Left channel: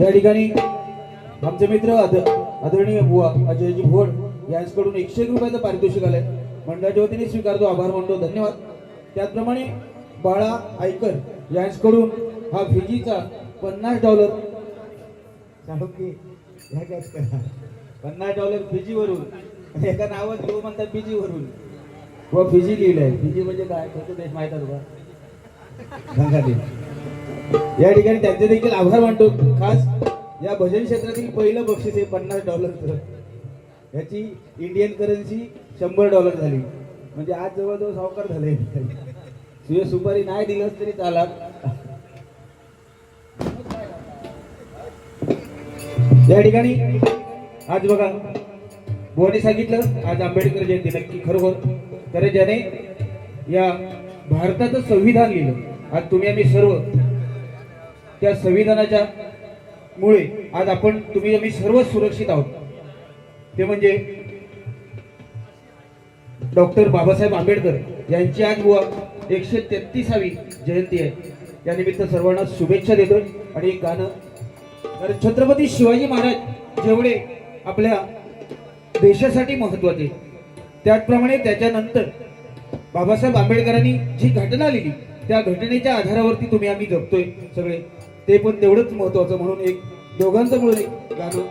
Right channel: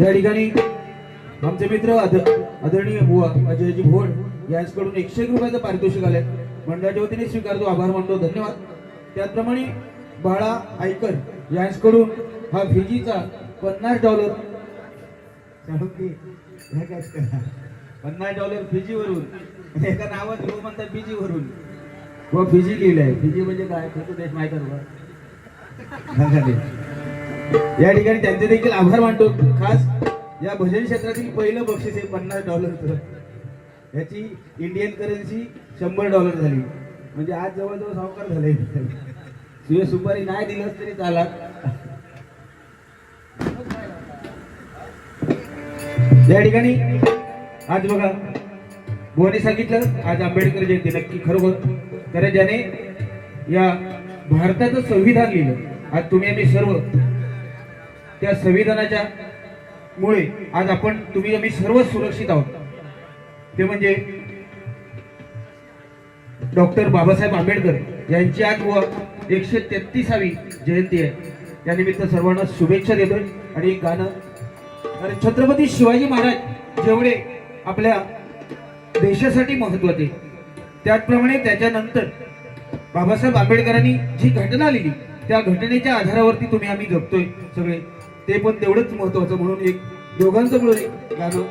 या ठिकाणी आमचे मित्र आद- आदरणीय बुवा अजयजी भोड यांच्याकडून एकशे एक रुपयाचं पारितोषिक आलंय. मंडळाच्या वतीने स्वीकारतो आभार मानतो धन्यवाद. त्याचप्रमाणे बाळा आयकर यांच्याकडून हा फिजीचा पन्नास डॉलर. पन्नास डॉलर फिजीवरून एका नावात घेऊ म्हणतात फिजीवरून. व फिजी लिहिलंय. फिजी म्हणजे काय? माहीत. या ठिकाणी त्यांचे देखील आभार मानतो. खास या भजन क्षेत्रातील पहिलं बक्षीस हे पन्नास डॉलर याची इंडियन करन्सी शंभर डॉलर झाली. म्हणजे आज जवळजवळ सावकार झाले. तुझे सुपारी नाही दिलंस तरी चालात या ठिकाणी आज बघा बुवाने सांगितलं आज आंबेडकर जयंती नक्की खरोखर. कारण ज्याने या भारताचं संविधान लिहिलं आज तुम्ही आम्ही सर्व त्या संविधानाच्या मुळे आज आपण तुम्ही आम्ही सर्व सुरक्षित आहोत. ते म्हणजे डॉक्टर बाबासाहेब आंबेडकर यांची आज व एकशे तेहतीसावी जयंती आहे. त्यानिमित्त सर्वांना शुभेच्छा देतोय आणि एक गाणं. कारण छत्रपती शिवाजी महाराज जेवढे आपल्या देशासाठी महत्त्वाचे त्याचप्रमाणे त्याच्यानंतर बाबासाहेब आंबेडकरांनी जी घटना लिहिली त्या घटनेच्या आधारावरती तुम्ही आम्ही जगतोय सगळे. ते पण तेवढंच महत्वाचं म्हणून एक दोघांचं मिळून एक गाणं.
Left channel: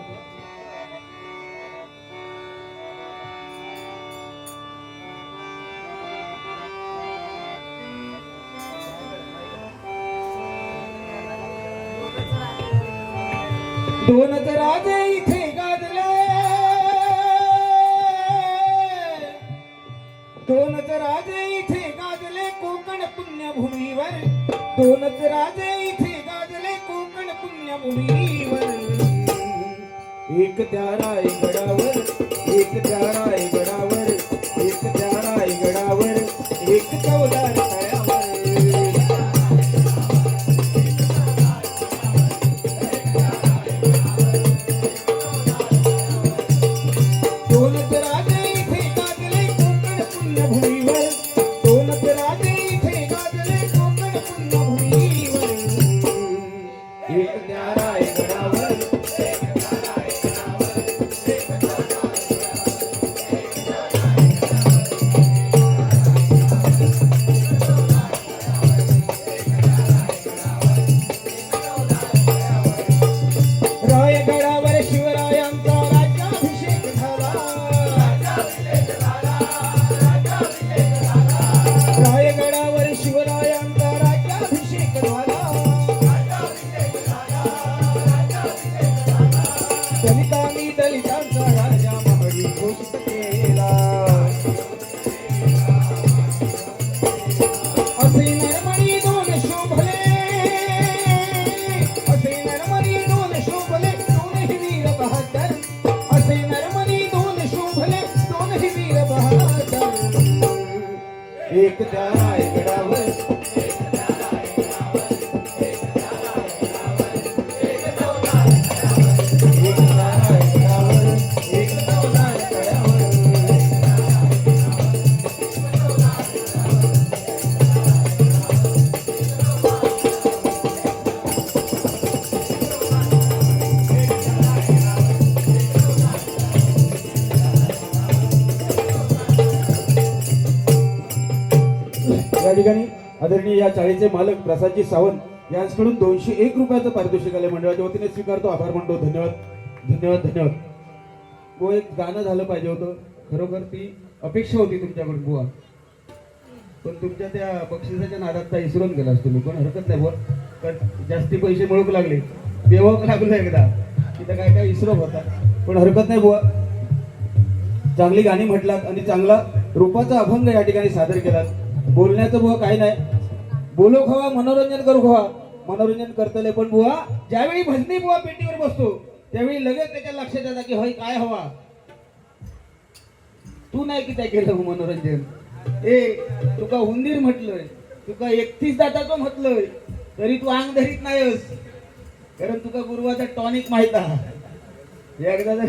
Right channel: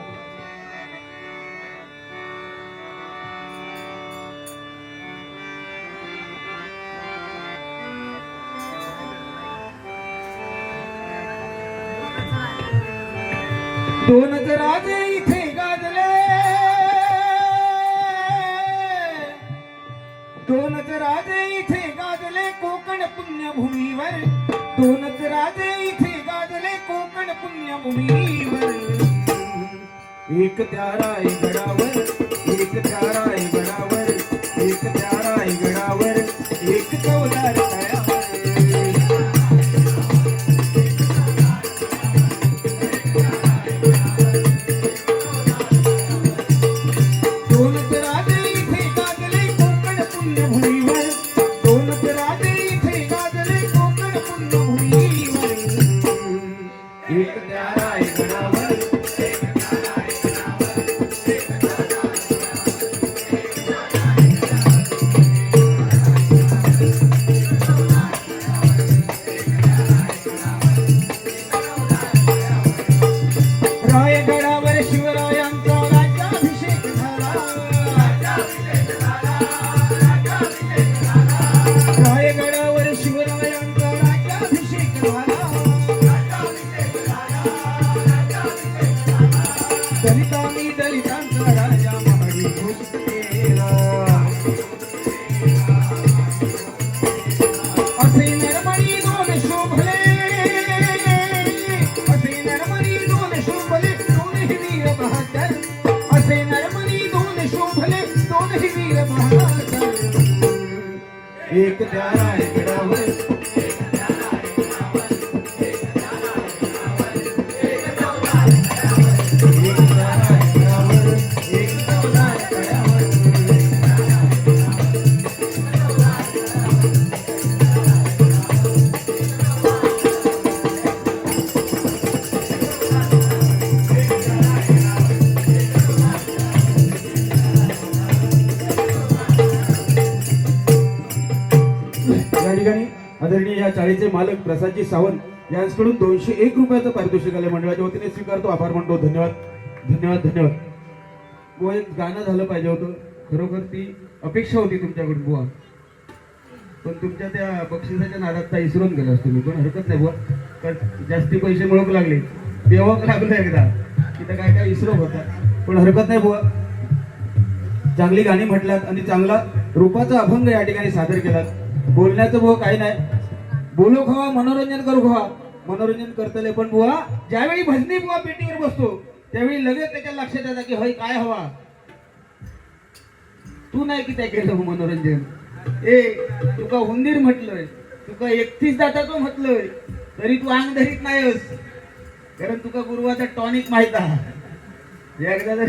दोनच एक त्या रायगडावर एक त्या रायगडावर एक त्या रायगडावर एक चौदार तळ्यावर दोन एक त्या प्रसादजी सावंत यांच्याकडून दोनशे एक रुपयाचं पारितोषिक आले मंडळाच्या वतीने. स्वीकारतो. आभार म्हणतो धन्यवाद. धन्यवाद. धन्यवाद. व एक गाणं झालं पाहिजे होतं. खरोखर ती अपेक्षा होती तुमच्याकडून बुवा. पण तुमच्या त्या बक्षिसाच्या नादात त्या इसरून गेला तुम्ही पण हरकत नाही बुवा. कारण जास्ती पैसे मिळूक लागले. देवाक लागलं एकदा. तिथं काय काय इसरो होता. पण हरकत नाही बुवा. चांगली गाणी म्हटलात आणि चांगला रूपाचा अभंग या ठिकाणी सादर केलात. बोलण्याचं बुवा काही नाही. बोलो खवा मनोरंजन करू खवा. मनोरंजन करतले पण बुवा ज्यावेळी भजनी बुवा पेटीवर बसतो त्यावेळी लगेच त्याच्या लक्षात येतं की होय काय हवा? तू नाही की त्या केलं मनोरंजन. ए तुका हुंदीर म्हटलंय तुका एकतीस दाताचं म्हटलंय तरी तू अंग धरीत नाहीस. कारण तुका गुरुवाचा टॉनिक माहीत आहे. एकदा जर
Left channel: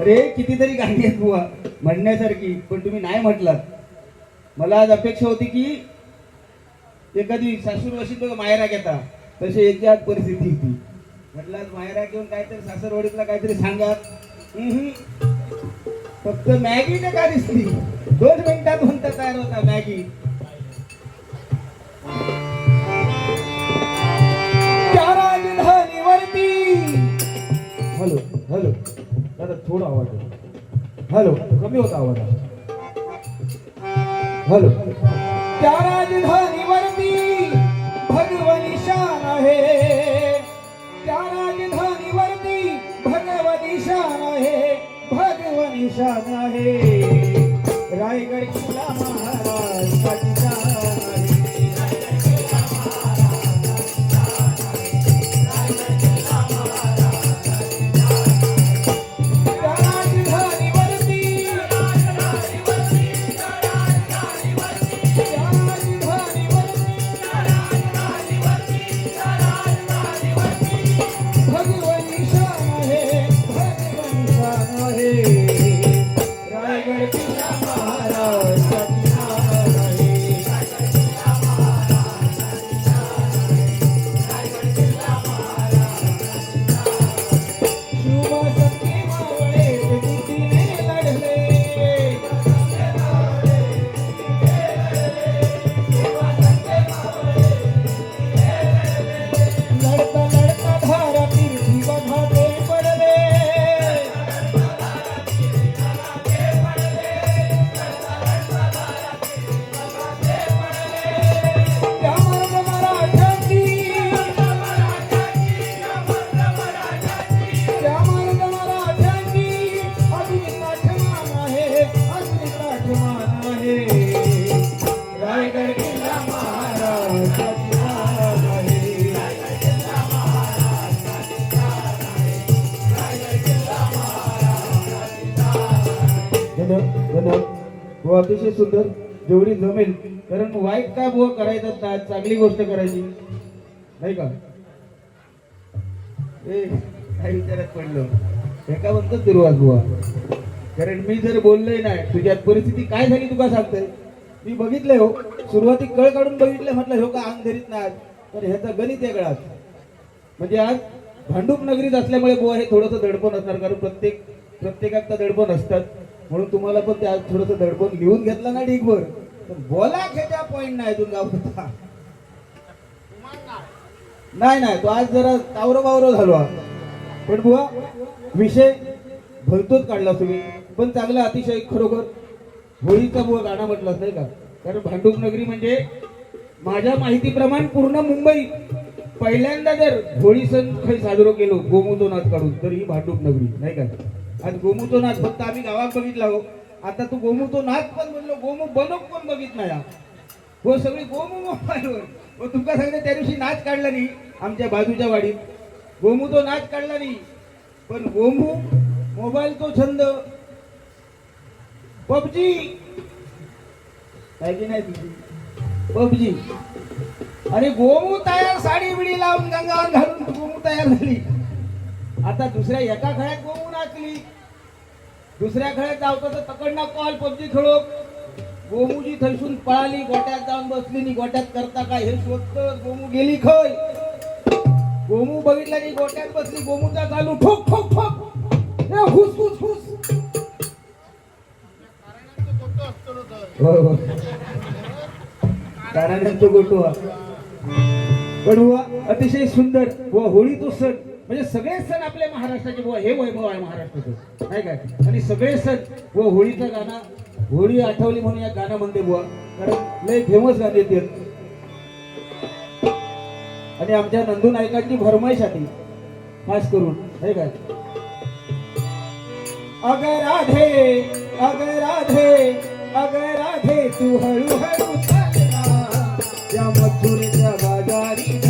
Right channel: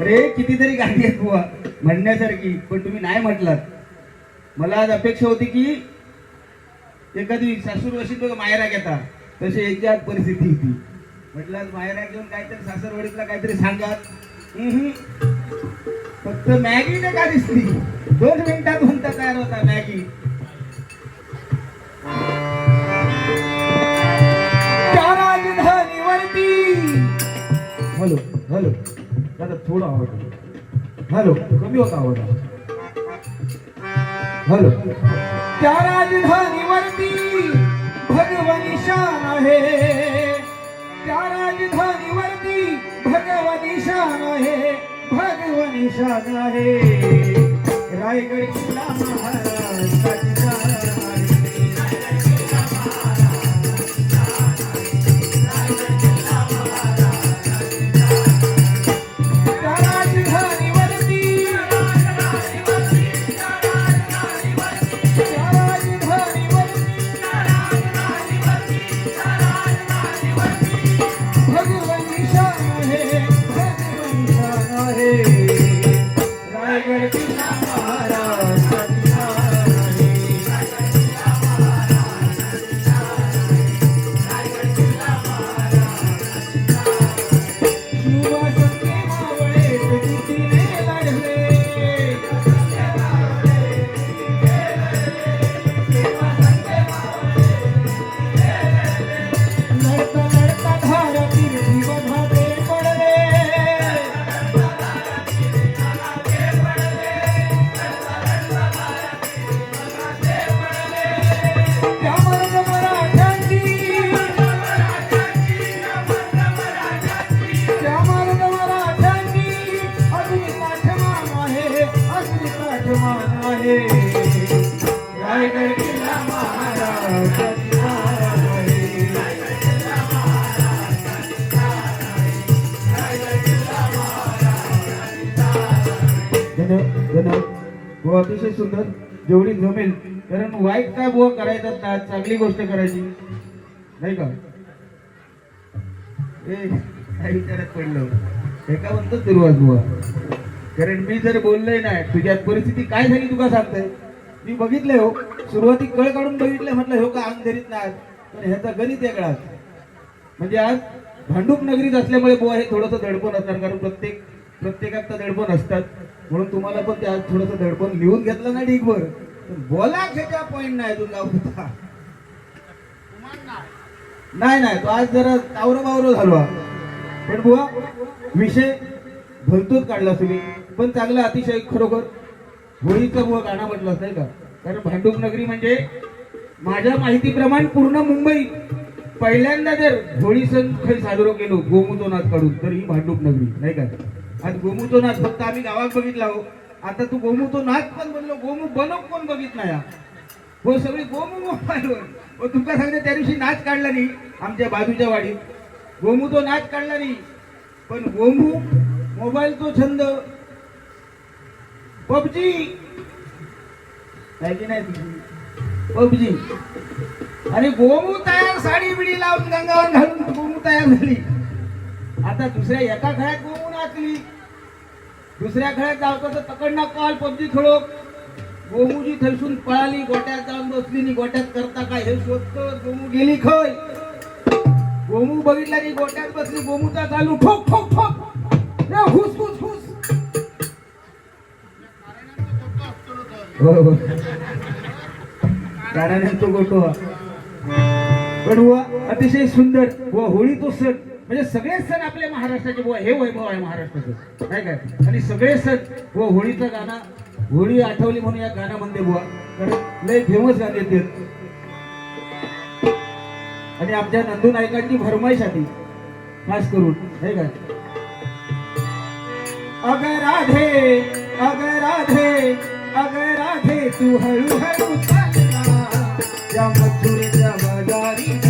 अरे कितीतरी गाणी आहेत बुवा म्हणण्यासारखी पण तुम्ही नाही म्हटलात. मला आज अपेक्षा होती की एखादी सासूर वशी तो मायरा घेता तशी एकच्या परिस्थिती होती. म्हटलं आज मायरा घेऊन काहीतरी सासरवडीतला काहीतरी सांगा. फक्त मॅगी ने का दिसली. दोन मिनिटात म्हणता तयार होता मॅगी. Hello hello. दादा थोडा आवाज हॅलो कमी होता आवाज. हॅलो सुंदर जेवढी जमेल. कारण वाईट काय बुवा करायचं ना चांगली गोष्ट करायची. नाही का? ए काय विचारात पडलं? एका म्हणतो दुर्वाद बुवा कारण मी जर बोललोय नाही तुझ्या परिस्थिती काय झाली तुका सांगताय? मी बघितलंय हो. सुरुवाती कळ काढून बघितलंय म्हटलं हो का अंग धरीत नाही तर ह्याचा गणित वेगळा म्हणजे आज भांडूप नगरीत असल्यामुळे बुवा हे थोडंसं दडपण असणार कारण प्रत्येक प्रत्येकात तर दडपण असतात. म्हणून तुम्हाला पण त्या थोडंसं दडपण लिहून घेतलं ना ठीक बोला खेच्या पॉईंट नाही तुझा होता नाही नाही तो आज जरा तावरो बावरो झालो पण बुवा विषय भलतोच काढला तुम्ही. पण चांगलं अतिशय खरोखर होळीचा बुवा गाणं म्हटलं नाही का? कारण भांडूप नगरी म्हणजे माझ्या माहितीप्रमाणे पूर्ण मुंबई. पहिल्यांदा जर होळी सण काही साजरो केलो गोमूतो काढून तर ही भांडूप नगरी नाही का? आणि गोमूतो नाच फक्त आम्ही गावात बघितला हो. आता तू गोमूतो नाच पण म्हणलो गोमू बनू कोण बघितला या. हो सगळी गोमू मोबाईलवर. हो तुमका सांगते त्या दिवशी नाच काढला नाही आमच्या बाजूच्या वाडीत. गोमू तो नाच काढला नाही. पण गोमू मोबाईल तो छंद. पबजी. काय की नाही पबजी. आणि गोमू तयार साडी बिडी लावून गंगावर घालून गोमू तयार झाली. आता दुसऱ्या एका खेळात गोमू नाचली. दुसऱ्या खेळात जावतो तर तकडनं कॉल पबजी खेळो. गोमूजी थैसून पळाली गोट्यात जाऊन बसली गोट्यात करता काय? हे शोधत गोमू गेली खय. गोमू बघितला की गोट्यात बसली गोमूचा चालू. ठोक ठोक ठोक हुस हुस हुस. हो. कारण तो गोटो. हा. पण अतिशय सुंदर. व होळी तो सण. म्हणजे सगळे सण आपल्या महाराष्ट्राचे बुवा हे वैभव आहे महाराष्ट्राचे. काय काय? आणि सगळे सण व होळीचं गाणं होळी आठवली म्हणून या गाण्यामध्ये बुवा. कारण लय फेमस गाणे ते. आणि आमच्या नंदू नायकांची भरमाईश आली खास करून हे काय अगर राधे अगर राधे अगर राधे तू हळू हळू चालना जमादारी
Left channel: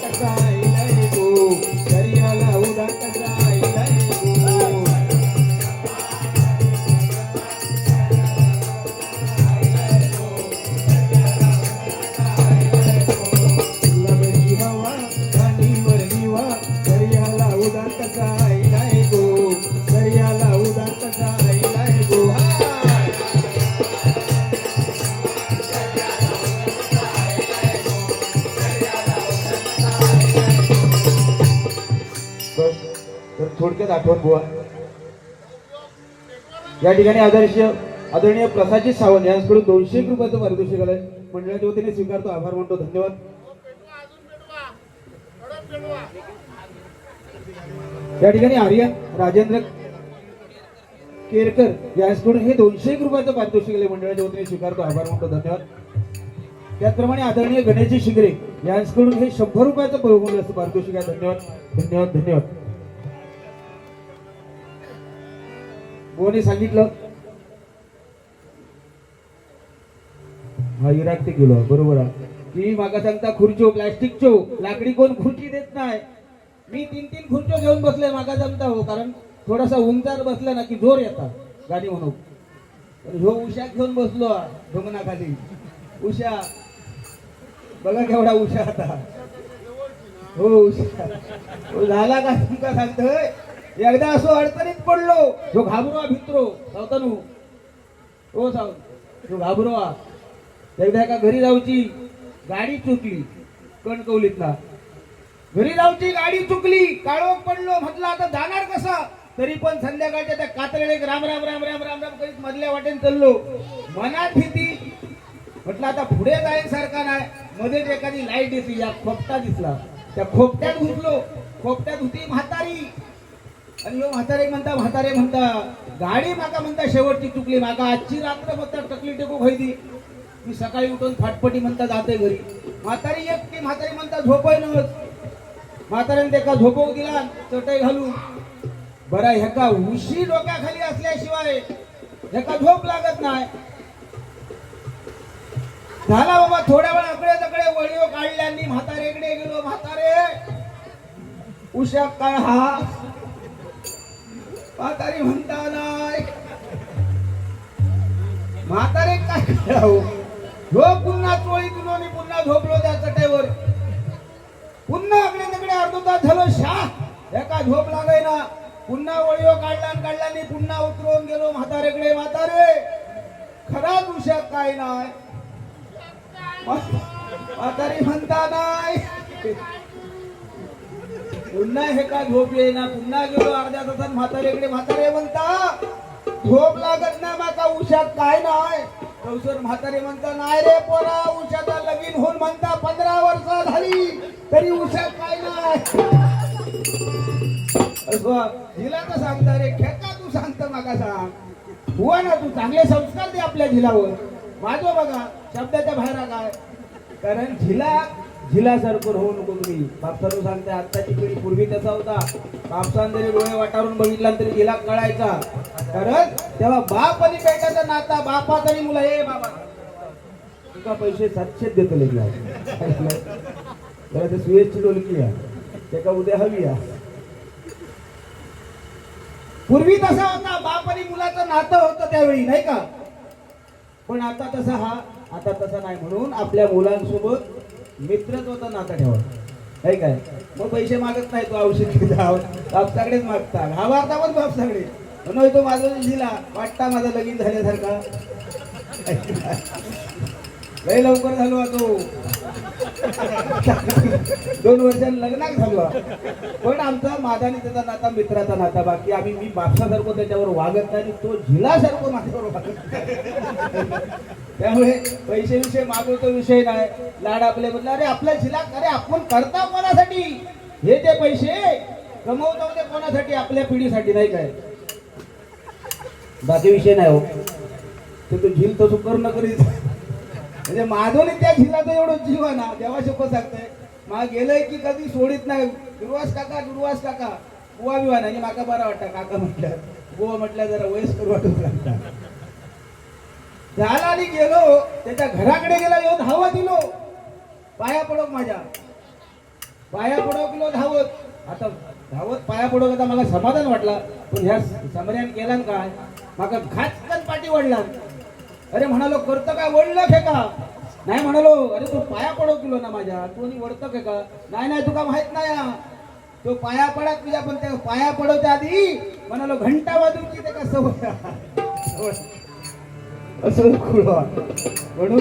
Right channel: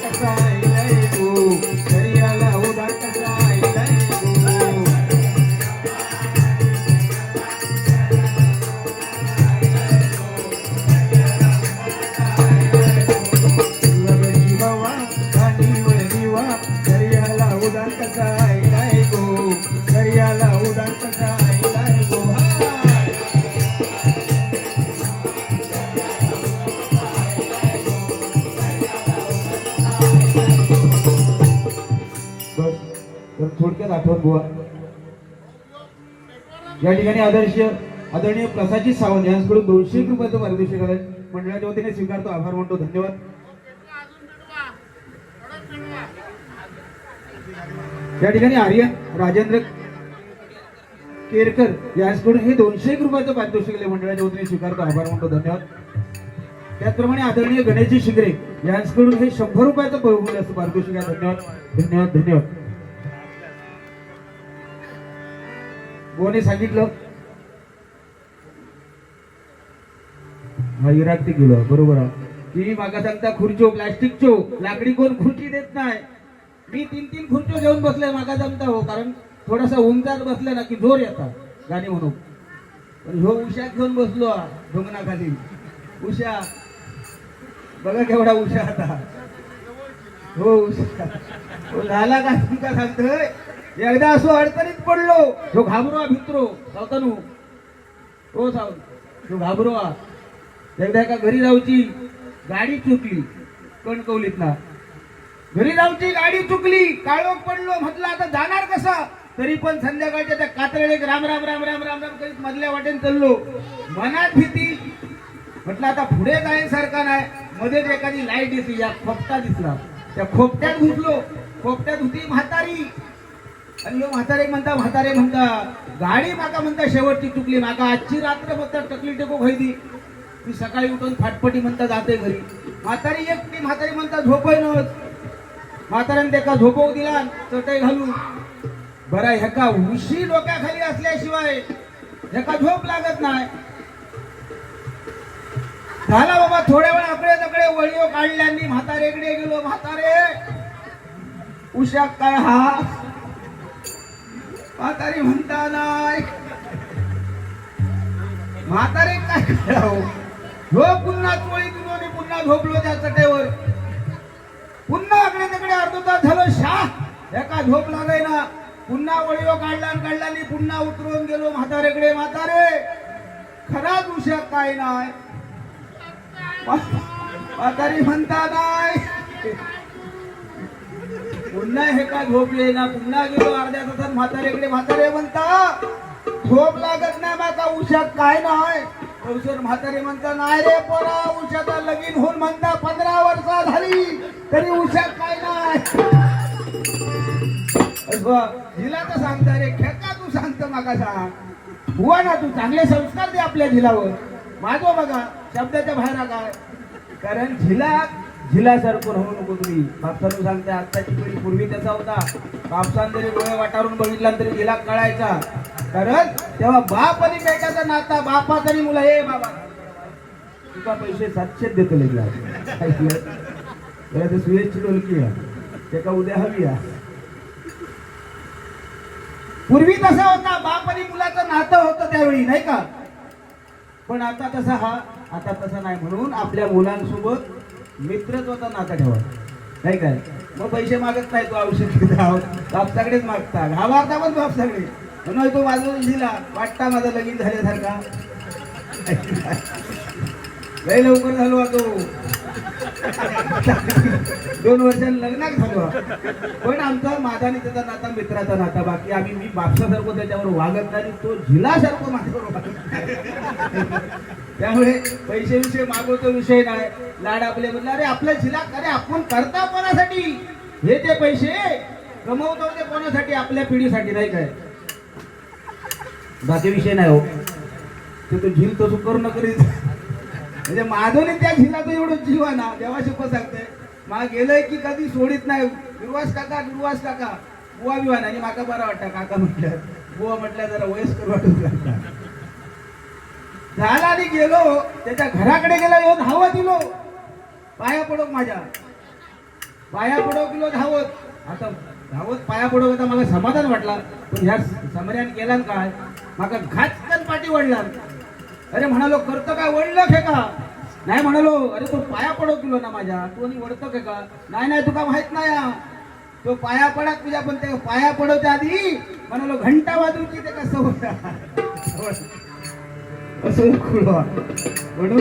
改善 ठिकाणी आदर्श आदरणीय प्रसादजी सावंत यांच्याकडून दोनशे एक रुपयाचं पारितोषिक आलंय मंडळाच्या वतीने स्वीकारतो आभार मानतो धन्यवाद. या ठिकाणी आर्य राजेंद्र केरकर यांच्याकडून हे दोनशे एक रुपयाचं पारितोषिक आले मंडळाच्या वतीने स्वीकारतो आभार मानतो धन्यवाद. त्याचप्रमाणे आदरणीय गणेशजी शिंगरे यांच्याकडून हे शंभर रुपयाचं बहुमूल्य असं पारितोषिक आहे. धन्यवाद धन्यवाद धन्यवाद. कोणी सांगितलं? हा इराक ते गेलो बरोबर आहे. की मागा सांगता खुर्चो प्लास्टिकचो लाकडी कोण खुर्ची देत नाही. मी तीन तीन खुर्चो घेऊन बसले मागा सांगता हो कारण थोडासा उंचार बसला ना की जोर येतात. गाणी म्हणून. पण हो उशा घेऊन बसलो ढोंगणाखाली. उषा बघा केवढा उषा आता. हो उषा. झाला का तुमका सांगतोय? एकदा असो अडचणीत पडलो जो घाबरवा भित्रो सावतानू. हो सावत तो घाबरवा एकदा एका घरी जाऊची गाडी चुकली कणकवलीतला. घरी जाऊची गाडी चुकली काळोख पडलो म्हटलं आता जाणार कसं? तरी पण संध्याकाळच्या त्या कातळीत राम राम राम राम राम राम करीत मधल्या वाटेन चाललो. मनात भीती. म्हटलं आता पुढे जायसारखा नाही. मध्येच एखादी लाइट दिसली या खोपटा दिसला. त्या खोपट्यात घुसलो खोपट्यात होती म्हातारी. आणि ह्यो म्हातारे म्हणता म्हातारे म्हणता गाडी माका म्हणता शेवटची चुकली माका आजची रात्र फक्त टकली टेको खैदी मी सकाळी उठून फाटपटी म्हणता जाते घरी. म्हातारी एकटी म्हातारी म्हणता झोपय नव्हत. म्हाताऱ्याने त्याका झोपवू दिला चटई घालून. बरा ह्याका उशी डोक्याखाली असल्याशिवाय ह्याका झोप लागत नाही. झाला बाबा थोड्या वेळा आपल्या सगळे वळीव काढल्यांनी म्हातारेकडे गेलो म्हातारे उशा काय हा म्हातारी म्हणता नाही. म्हातारे काय करावं? हो पुन्हा चोळी दिलो पुन्हा झोपलो त्या चटेवर. पुन्हा आकडे तिकडे अर्धा तास झालो शा एका झोप लागाय ना पुन्हा वळीव काढला काढला आणि पुन्हा उतरून गेलो म्हातारेकडे. म्हातारे खराच उशा काय नाही? म्हातारी म्हणता नाही. पुन्हा हे का झोप येईना? पुन्हा गेलो अर्ध्या तासात म्हातारेकडे. म्हातारे म्हणता झोप लागत नाही माका उशात. काय नाही. तवसर म्हातारे म्हणता नाही रे पोरा उशाचा लगीन होऊन म्हणता पंधरा वर्ष झाली तरी उशात काय नाही. हिला तर सांगता रे खेका तू सांगतो माका सांग हुवा ना तू चांगले संस्कार दे आपल्या झिलावर. माझो बघा शब्दाच्या बाहेर काय कारण झिला झिलासारखं होऊ नको तुम्ही. बापसारून सांगते आत्ताची पिढी पूर्वी त्याचा होता. बापसान जरी डोळे वाटारून बघितला तरी झिला कळायचा. कारण तेव्हा बाप आणि बेटाचा नाता बापा तरी मुला हे बाबा. तुका पैसे सातशे देतो लेगला सुयशची डोलकी आहे. त्याका उद्या हवी आहे. पूर्वी तसा होता बाप आणि मुलाचं नातं होतं त्यावेळी नाही का? पण आता तसा हा आता तसा नाही म्हणून आपल्या मुलांसोबत मित्रत्वाचा नाता ठेवा. नाही काय? मग पैसे मागत नाही तो औषध बापसाकडेच मागता. घाबारता पण बापसाकडे म्हणून तो माझा दिला. वाटता माझं लगीन झाल्यासारखा. लय लवकर झालो तो दोन वर्षांनी लग्नाक झालो. पण आमचा माझा आणि त्याचा नाता मित्राचा नाता बाकी आम्ही मी बापसासारखं त्याच्यावर वागत नाही आणि तो झिलासारखं माझ्यावर वागत त्यामुळे पैसे विषय मागवचा विषय नाही. लाड आपले म्हटलं अरे आपल्या झिला अरे आपण करता कोणासाठी? हे ते पैसे कमवतो ते कोणासाठी? आपल्या पिढीसाठी नाही काय? बाकी विषय नाही हो. ते तो झील तसं करू नको म्हणजे माधवने त्या झिलाचं एवढं जीव आहे ना देवा शपथ सांगतोय मला गेलंय की कधी सोडित नाही. दुर्वास काका दुर्वास काका. बुवा बिवा नाही माका बरा वाटतं काका म्हटल्या बुवा म्हटल्या जरा वयस्कर वाटत झाला आणि गेलो त्याच्या घराकडे गेला येऊन धावत गेलो. पाया पडोक माझ्या. पाया पडोक गेलो धावत. आता धावत पाया पडोक आता मला समाधान वाटला. पण ह्या समऱ्यान केला काय? माका घातकन पाठी वडला अरे म्हणालो करतं काय वडलं हे का नाही म्हणालो अरे तू पाया पडो तुला ना माझ्या. कोणी आणि वडतो का नाही नाही तुका माहीत नाही हा. तो पाया पडत तुझ्या पण ते पाया पडवच्या आधी म्हणालो घंटा वाजून की ते कसं असं खुळवा म्हणून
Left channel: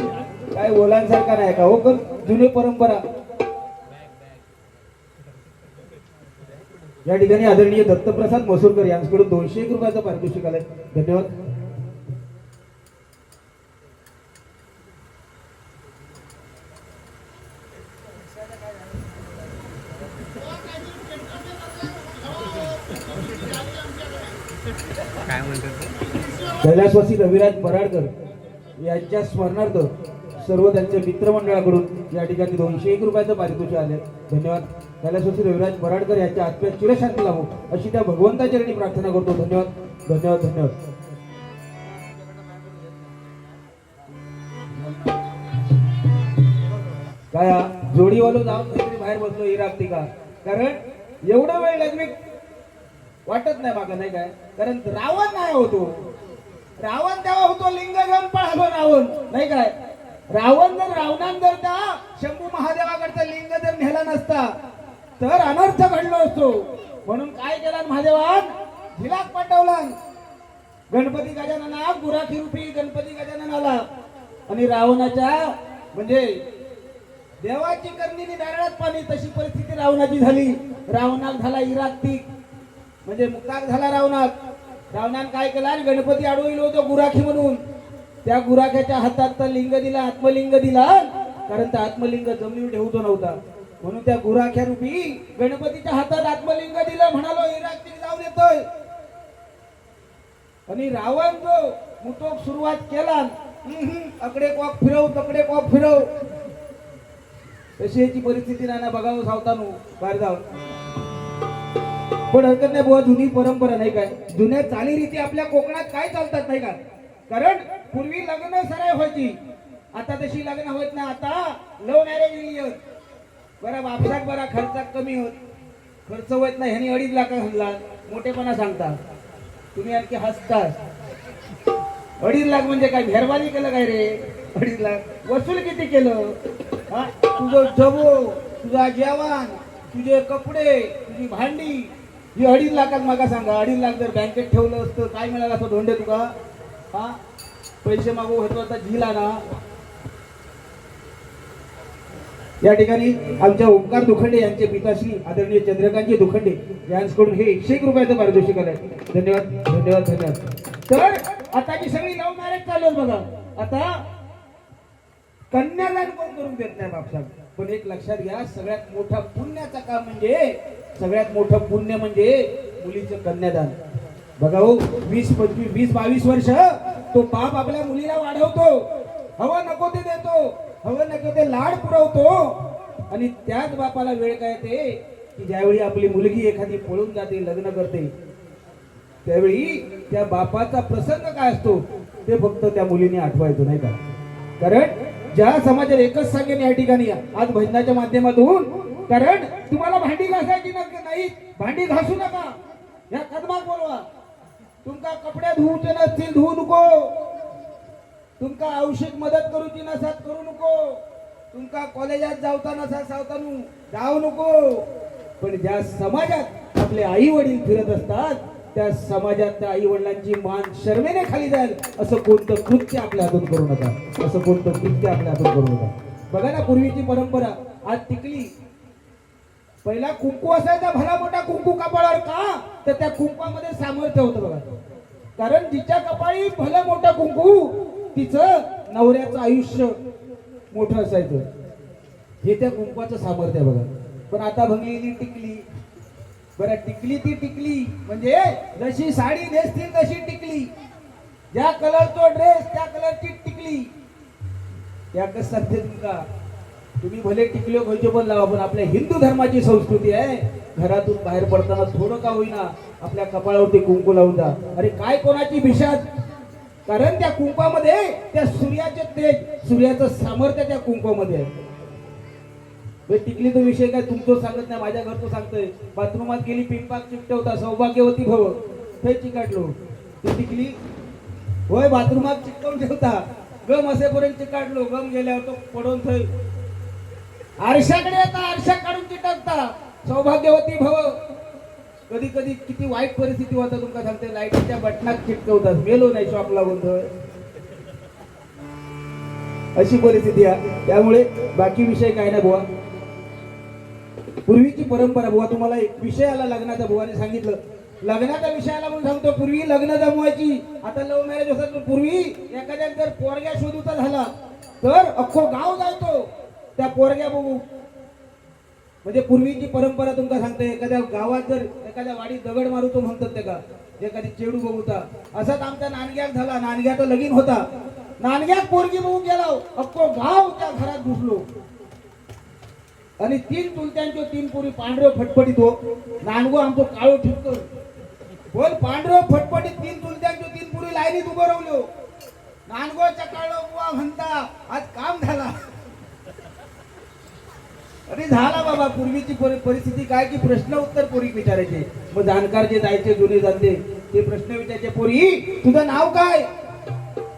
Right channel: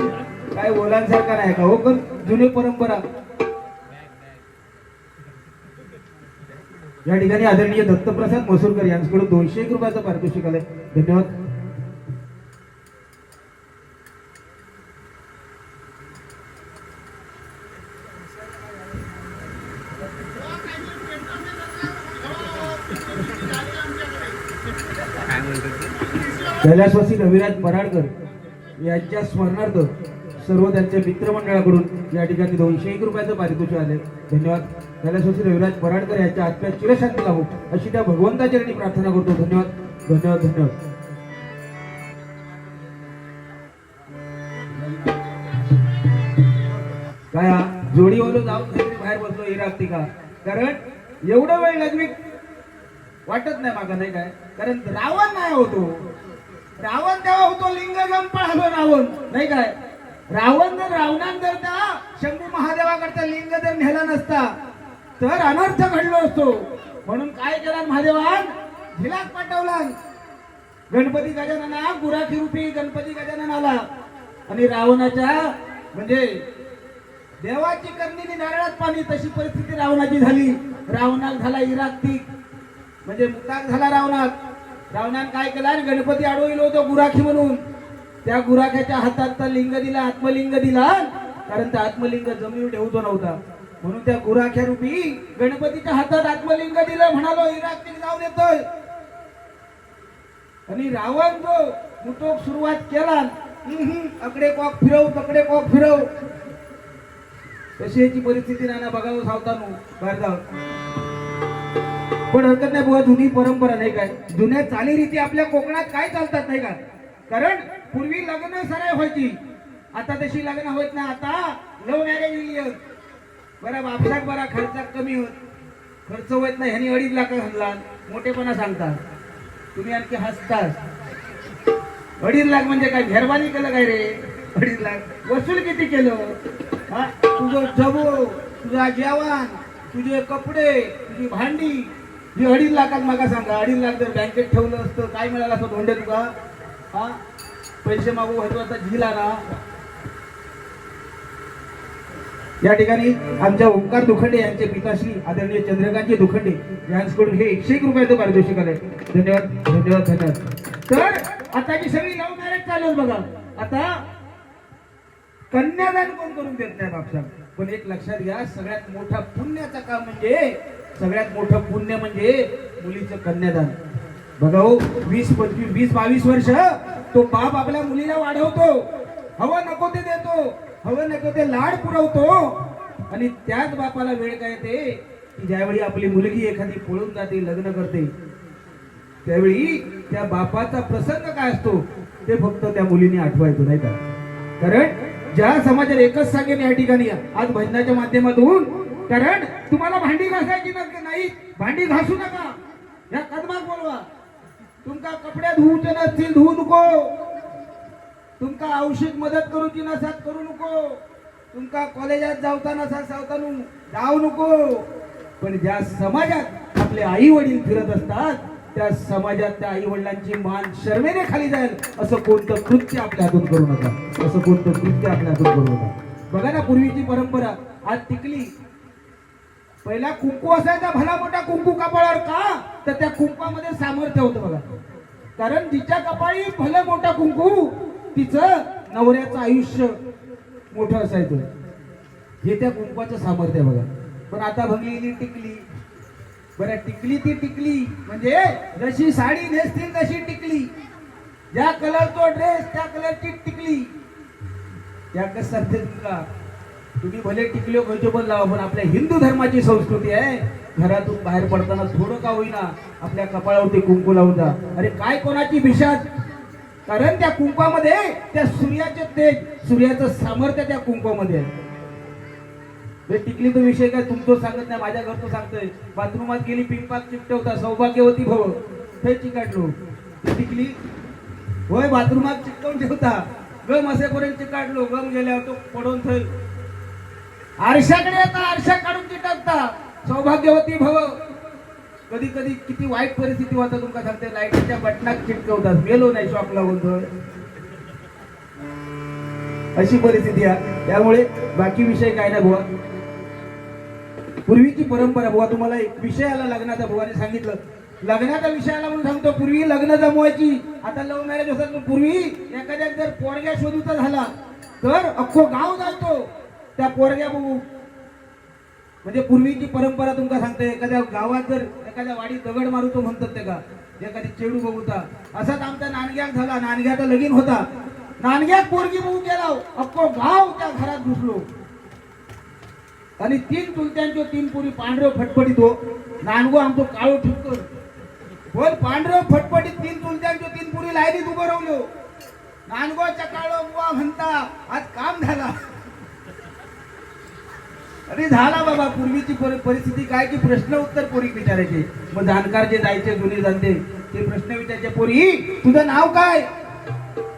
काय ओलांसारखा नाही का? हो पण जुनी परंपरा. या ठिकाणी आदरणीय दत्तप्रसाद मसूरकर यांच्याकडून दोनशे एक रुपयाचं पारितोषिक आलंय. धन्यवाद. कैलासवासी रविराज मराडकर यांच्या स्मरणार्थ सर्व त्यांच्या मित्रमंडळाकडून या ठिकाणी दोनशे एक रुपयाचं पारितोषिक आले धन्यवाद. कैलासवासी रविराज मराडकर यांच्या आत्म्या चिरशांती लावू अशी त्या भगवंताचरणी प्रार्थना करतो. धन्यवाद. धन्यवाद धन्यवाद. काय जोडीवालो जाऊन बाहेर बसलो हे लागते का? कारण एवढं वेळ लग्न वाटत नाही मागा नाही काय? कारण रावण नाही होतो. रावण तेव्हा होतो लिंगगम गंपाळ हलो रावण. नाही काय? रावण जर रावणान जर त्या शंभू महादेवाकडचा लिंग जर नेला नसता तर अनर्थ घडलो असतो. म्हणून काय केला महादेवान? झिलाक पाठवला. गणपती गजानना गुराखी रूपी गणपती गजाननाला. आणि रावणाच्या म्हणजे देवाची कंदिनी नारळात पाणी तशी परिस्थिती रावणाची झाली. रावणात झाला इराक्तिक म्हणजे मुक्ताक झाला रावणात. रावणान काय केला? आणि गणपती अडवलो होतो गुराखी म्हणून. त्या गुराख्याच्या हातात तर लिंग दिला आत्मलिंग दिला. कारण त्या आत्मलिंग जमिनीवर ठेवतो नव्हता. म्हणून त्या गुराख्या रूपी गणपतीच्या हातात आत्मलिंग दिला म्हणालो इराक्तिक जाऊन येतोय. आणि रावण तो मुठोक सुरुवात केला. अकडे कॉक फिरव तकडे कॉक फिरव. तशी याची परिस्थिती नाना बघावं सावतानो बाहेर जाऊन पण हरकत नाही बुवा जुनी परंपरा नाही काय? जुन्या चालीरीती आपल्या कोकणात काय चालतात नाही का? कारण पूर्वी लग्न सराय व्हायची. आता तशी लग्न होत ना आता लव्ह मॅरेज बरा बापसात बरा खर्चात कमी होत. खर्च होत नाही. ह्यानी अडीच लाख म्हणला मोठेपणा सांगतात. तुम्ही आणखी हसतात. अडीच लाख म्हणजे काय? मेहरबानी केलं काय रे? अडीच लाख. वसूल किती केलं? तुझं जबो तुझा जेवण तुझे कपडे तुझी भांडी ही अडीच लाखात मागा सांगा. अडीच लाख जर बँकेत ठेवलं असतं काय मिळालं असं धोंडे तुका? हा? पैसे मागू व्हायचो आता झिला ना. या ठिकाणी आमच्या ओंकार दुखंडे यांचे पिताश्री आदरणीय चंद्रकांतजी दुखंडे यांच्याकडून हे एकशे एक रुपयाचं पारितोषिक आहे धन्यवाद धन्यवाद धन्यवाद. तर आता ही सगळी लव्ह मॅरेज चालू बघा. आता कन्यादान कोण करून देत नाही बापसाहेब पण एक लक्षात घ्या सगळ्यात मोठा पुण्याचा काम म्हणजे सगळ्यात मोठं पुण्य म्हणजे मुलीचं कन्यादान. बघा हो वीस पंचवीस वीस बावीस वर्ष तो बाप आपल्या मुलीला वाढवतो. हवं नको ते देतो हवं नको ते लाड पुरवतो. आणि त्याच बापाला वेळ काय ते की ज्यावेळी आपली मुलगी एखादी पळून जाते लग्न करते त्यावेळी त्या बापाचा प्रसंग काय असतो ते फक्त त्या मुलीने आठवायचो नाही का? कारण ज्या समाजात एकच सांगेन या ठिकाणी आज भजनाच्या माध्यमातून कारण तुम्हाला भांडी घासायची ना नाही भांडी घासू नका. ह्या कदमाक बोलवा. तुमका कपडे धुवचे नसतील धुवू नको. तुमका औषध मदत करूची नसत करू नको. तुमका कॉलेजात जावता नसा सावतानू जाऊ नको. पण ज्या समाजात आपले आई वडील फिरत असतात त्या समाजात त्या आई वडिलांची मान शर्मेने खाली जाईल असं कोणतं कृत्य आपल्या हातून करू नका. असं कोणतं कृत्य आपल्या हातून करू नका. बघा ना पूर्वीची परंपरा. आज टिकली. पहिला कुंकू असायचा भला मोठा कुंकू कपाळावर का? तर त्या कुंपामध्ये सामर्थ्य होतं बघा कारण तिच्या कपाळी भलं मोठा कुंकू तिचं नवऱ्याचं आयुष्य मोठं असायचं. हे त्या कुंकवाचं सामर्थ्य बघा. पण आता भंगलेली टिकली. बरं टिकली ती टिकली. म्हणजे जशी साडी नेसतील तशी टिकली. ज्या कलरचा ड्रेस त्या कलरची टिकली. या कसं तुमका? तुम्ही भले टिकले हो, खयचे पण लावा पण आपल्या हिंदू धर्माची संस्कृती आहे. घरातून बाहेर पडताना थोडं का होईना आपल्या कपाळावरती कुंकू लावून द्या अरे काय कोणाची भिशाद कारण त्या कुंकामध्ये त्या सूर्याचे तेज सूर्याचं सामर्थ्य त्या कुंकामध्ये आहे. टिकली तो विषय काय तुमचं सांगत नाही माझ्या घरचं सांगतोय. बाथरूमात गेली पिंपात चिकटवता सौभाग्यवती भाऊ हे चिकाटलो. ते टिकली होय बाथरूमात चिकटवून ठेवता. गम असेपर्यंत चिकाटलो. गम गेल्यावर तो पडून थंय आरशाकडे आता आरशा काढून चिटकता. सौभाग्यवती भव. कधी कधी किती वाईट परिस्थिती होता तुमका सांगते लाईटीच्या बटनात चिटकवतात. गेलो नाही शॉप लावून अशी परिस्थिती आहे. त्यामुळे बाकी विषय काय ना बुवा? पूर्वीची परंपरा बुवा तुम्हाला एक विषय आला लग्नाचा बुवाने सांगितलं. लग्नाचा विषय आला म्हणून सांगतो पूर्वी लग्न जमवायची. आता लव्ह मॅरेज होतात पूर्वी एखाद्या जर पोरग्या शोधूचा झाला तर अख्खो गाव जातो. त्या पोरग्या बघू. म्हणजे पूर्वीची परंपरा तुमका सांगते एखाद्या गावात जर एखाद्या वाडीत दगड मारू तो म्हणतात ते का एखादी चेडू बघूता. असाच आमच्या नानग्यात झाला. नानग्याचा लगीन होता. नानग्यात पोरगी बघू केला अख्खो गाव त्या घरात घुसलो. आणि तीन चुलत्यांचे तीन पुरी पांढरे फटफटीत हो. नानगो आमचो काळो ठिपकर बोल पांढरे फटफटीत तीन चुलत्यांचे तीन पुरी लाईनीत उभं राहिलो. नानगोच्या चकाळो बुवा म्हणता आज काम झाला. अरे झाला बाबा पूर्वीची परि- परिस्थिती काय की प्रश्न उत्तर पोरी विचारायचे. मग जाणकार जे जायचे जुने जाते ते प्रश्न विचारायचे पोरी तुझं नाव काय?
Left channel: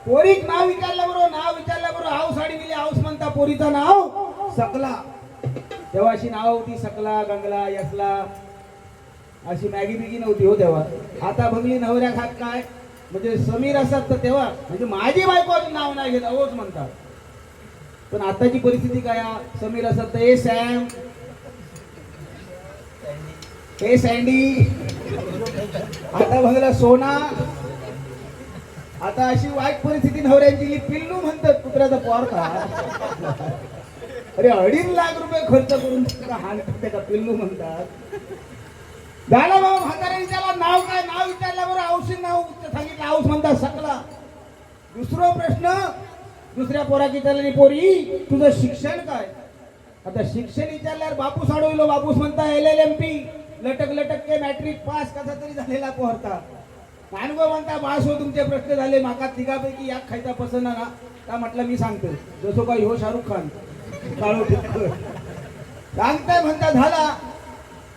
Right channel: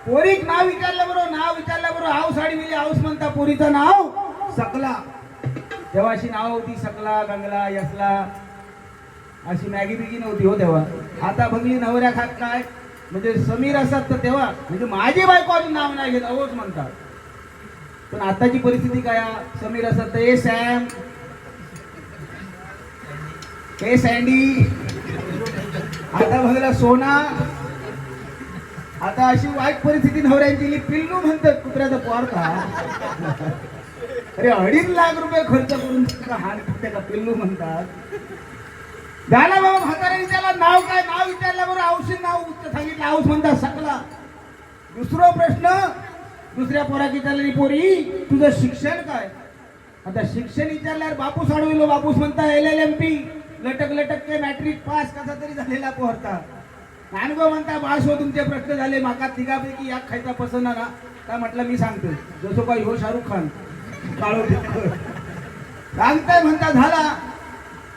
पोरीक नाव विचारलं बरोबर नाव विचारलं बरोबर हाऊस साडी मिली हाऊस म्हणता पोरीचं नाव? सकला. तेव्हा अशी नाव होती सकला गंगला यसला. अशी मॅगी बिगी नव्हती हो तेव्हा. आता बघली नवऱ्या खात काय? म्हणजे समीर असतात तर तेव्हा म्हणजे माझी बायको अजून नाव नाही घेत अहोच म्हणतात. पण आताची परिस्थिती काय समीर असतात तर ए सॅम. हे सँडी आता बघला सोना. आता अशी वाईट परिस्थिती नवऱ्यांची पिल्लू म्हणतात कुत्र्याचा पोर का अरे अडीच लाख रुपये खर्च करून त्याला हाण पिल्लू म्हणतात. झाला बाबा म्हातारे विचारला नाव काय? नाव विचारलं बरोबर औषध नाव सांगितलं औष म्हणतात सकला. दुसरा प्रश्न दुसऱ्या पोरा विचारला पोरी तुझं शिक्षण काय? आता शिक्षण विचारल्यावर बापूस अडवलो बापूस म्हणता एल एल एम पी लटक लटक के मॅट्रिक पास कसा तरी झालेला पोहरता कानगो म्हणता बास हो तुमचे प्रश्न झाले. माका तिघापैकी या खायचा पसंत ना का म्हटलं मी सांगतो. जसं काही हो शाहरुख खान. काळो सांगताय म्हणता झाला.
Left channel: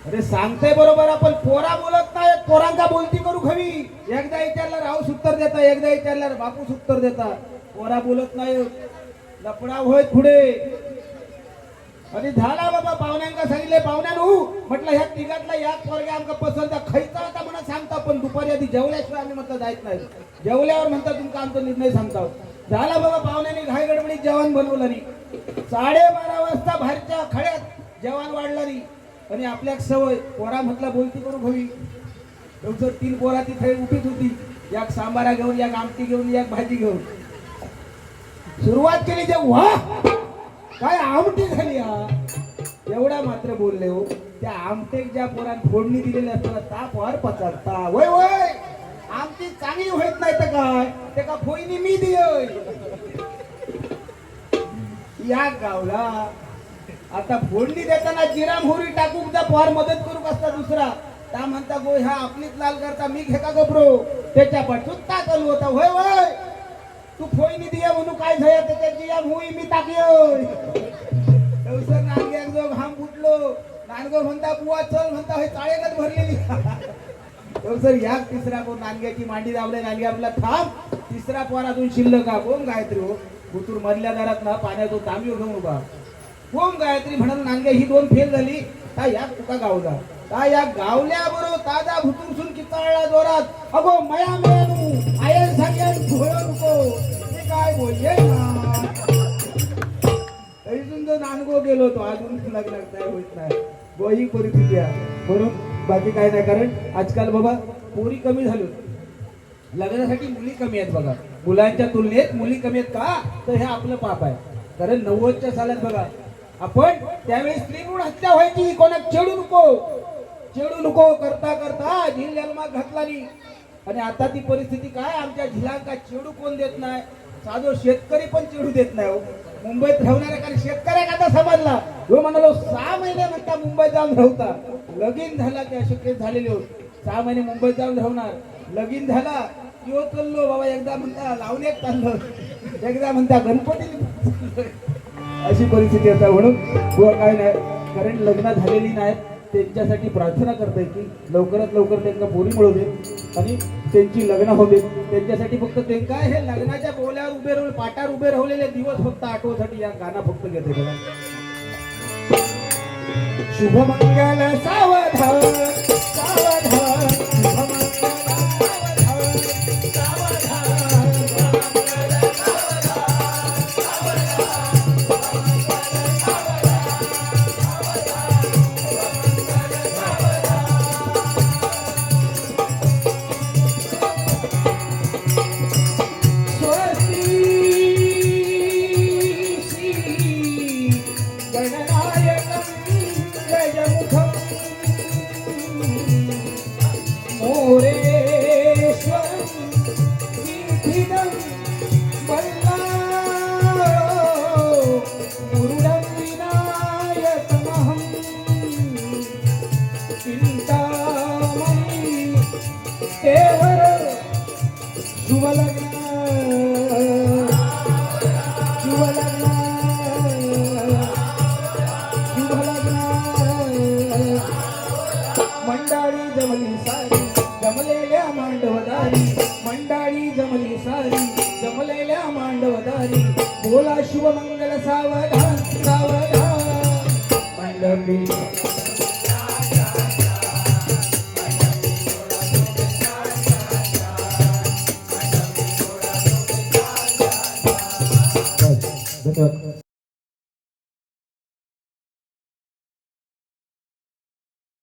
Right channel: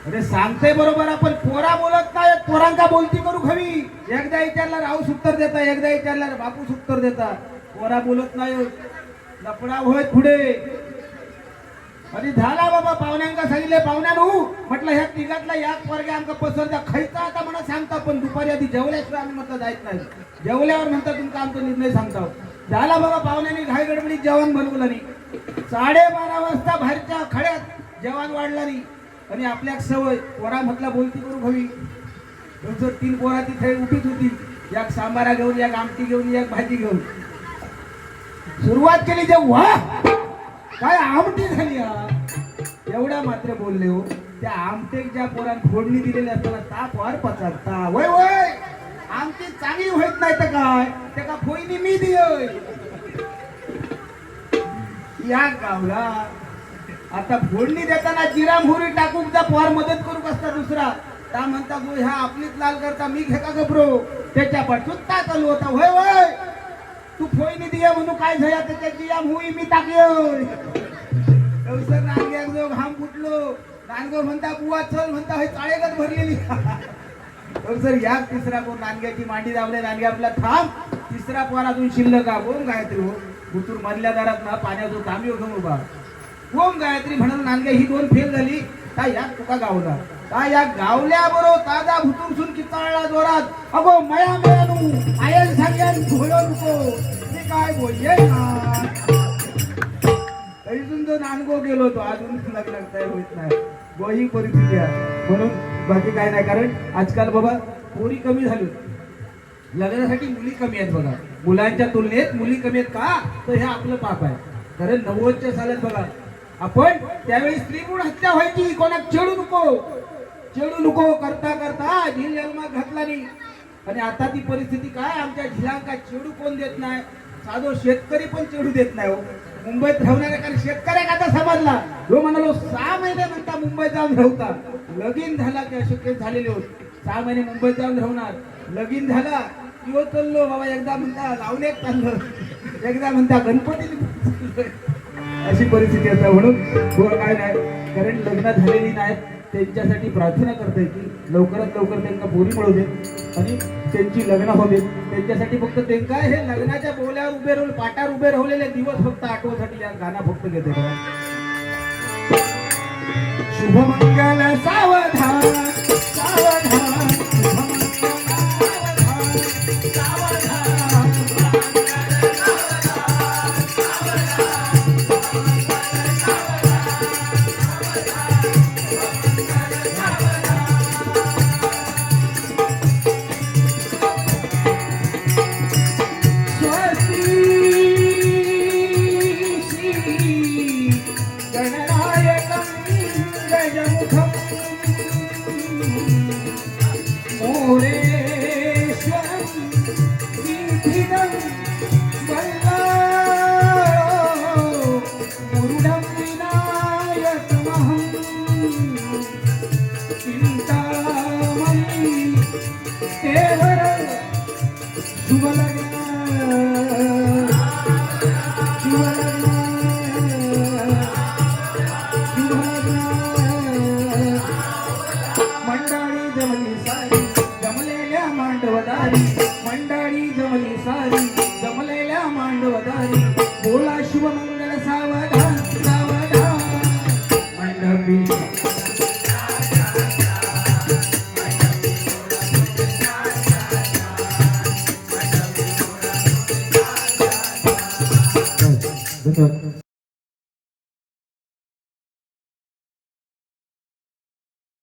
अरे सांगते बरोबर आपण पोरा बोलत नाही. पोरांका बोलती करू हवी एकदा विचारला राहूस उत्तर देता एकदा विचारला बापूस उत्तर देता पोरा बोलत नाही लपडा होय पुढे. आणि झाला बाबा पाहुण्यांका सांगितले पाहुण्यानु म्हटलं ह्या तिघातला या पोरग्या आमका पसंत आहे. खायचा आता म्हणा सांगता पण दुपारी आधी जेवल्याशिवाय आम्ही म्हटलं जायच नाही. जेवल्यावर म्हणता तुमका आमचा निर्णय सांगता. झाला बाबा पाहुण्याने घाई गडबडीत जेवण बनवलं नाही. साडेबारा वाजता बाहेरच्या खड्यात जेवण वाढलं नाही. आणि आपल्या सवय पोरा म्हटला बोलती करू हवी दिवसात तीन पोरा तिथे उठीत होती. एक सांबारा घेऊन एक आमटी घेऊन एक भाजी घेऊन. सुरुवात केली जेव्हा काय आमटी झाली एवढा मात्र बोलले हो. त्या आमटेक ज्या पोरान फोडणी दिलेली असताना ताप वर पचलता वय वय! आमची चांगली होत नाही तर काय? ते का फोईनी मी दिलोय? या गावला. आता फोडणी देताना जिरा मोहरी टाकून त्या पोहार मदत करू बसता दुसरा. त्या म्हणता गो ह्या आपलीच लाल करता मी घे का गबरो त्याच्या पटुत्ता चालू होता. वय वय! तू फोईनी दिया म्हणून काय झाया त्याच्याची या मुई मी टाकलो सर नांग्याक जो घाम फुटलो. नांगो म्हणता बुवा चल म्हणता हे चाळेगत भरलेली. सर या तिसरा पोर नांग्याची मांडी दावल्या नांग्या आपला थांब. तिसरा पोर अजून शिल्लक ओम गायत्री हो. गुतूर मधल्या दारात ना पाण्याचं तांबी घेऊन उभा. ओम गायत्री म्हणून नांदग्या ही दोन फेल झाली. का या तुका गावला. का या गावल्या बरोबर ताजा भुतूर सुन किताळला जोरात. अगो मया मेनू आयन सगळ्यान भोयो नानगो गेलो होतो अजून लग्नात होत नाही. ही परिस्थिती आहे? म्हणून बाकी काय नाही कारण आजकाल बाबा पोरी कमी झाली. लग्नासाठी मुली कमी आहेत बघा. मुलांच्या तुलनेत मुली कमी आहेत का? तर हे आपलं पाप आहे. कारण नव्वदच्या सालात बघा आपण त्यावेळी स्त्री हत्या व्हायची कोणा चेडू नको. चेडू नको करता करता झील जन्मात घातला नाही. आणि आता ती परिस्थिती काय? आमच्या झिलांका चेडू कोण देत नाही? साधो शेतकरी पण चिडू देत नाही हो. मुंबईत राहणाऱ्या कारण शेतकरी आता समजला. जो म्हणालो सहा महिने म्हणता मुंबईत जाऊन राहता. लगीन झाला की अशक्य झालेले होत सहा महिने मुंबईत जाऊन राहणार. लगीन झाला किंवा चललो चाललो बाबा एकदा म्हणता लावण्यात चाललं. एकदा म्हणता गणपती अशी परिस्थिती आता म्हणून किंवा काय नाही. कारण लग्न झालेली नाहीत त्यांच्यासाठी प्रार्थना करता येईल लवकरात लवकर त्यांना बोली मिळू दे आणि त्यांची लग्न होऊ दे त्यांच्यासाठी फक्त त्यांना हे लग्नाच्या बोल्यावर उभे राहून पाटावर उभे राहिलेले दिवस फक्त आठवसाठी या गाणं फक्त घेते बघा. शुभमंगल सावधान.